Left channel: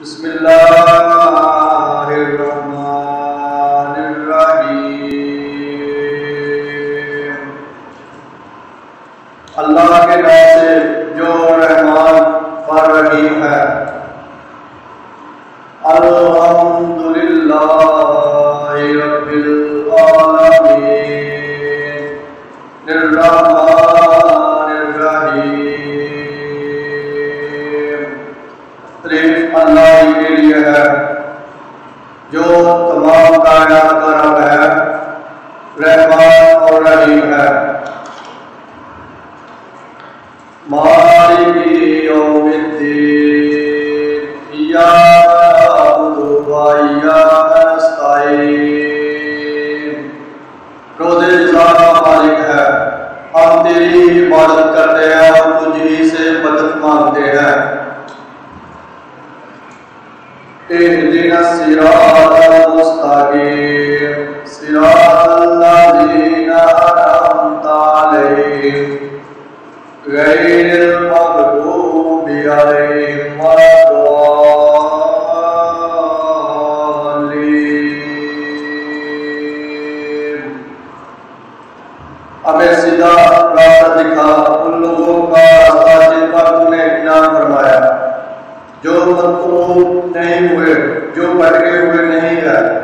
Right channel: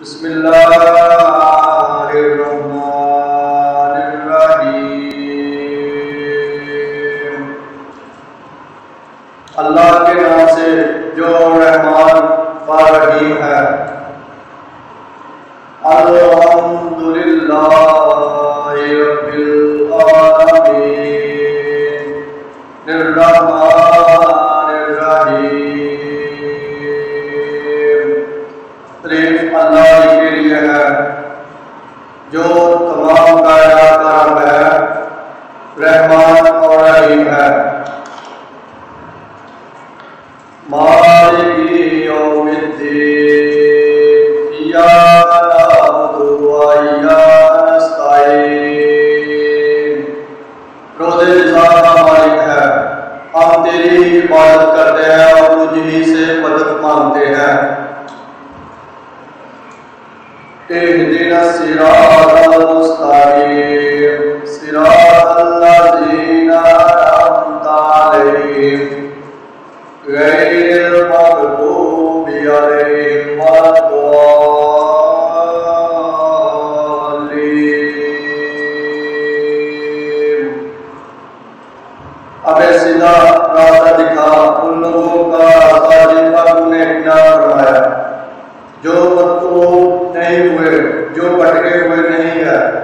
بسم اللہ الرحمن الرحیم۔ اللہ کے نام سے جو رحمان اور رحیم ہے۔ الحمدللہ رب العالمین الرحمن الرحیم۔ تعریف اللہ ہی کے لیے ہے جو تمام کائنات کا رب ہے، رحمان اور رحیم ہے۔ مالک یوم الدین، ایاک نعبد و ایاک نستعین۔ روز جزا کا مالک ہے، ہم تیری عبادت کرتے ہیں اور تجھ ہی سے مدد مانگتے ہیں۔ اہدنا الصراط المستقیم، صراط الذین انعمت علیہم غیر المغضوب علیہم ولا الضالین۔ اب سیدھا راستہ دکھا ان لوگوں کا راستہ جن پر تو نے انعام فرمایا، جو مطلوب نہیں ہوئے، جو بھٹکے ہوئے نہیں ہے۔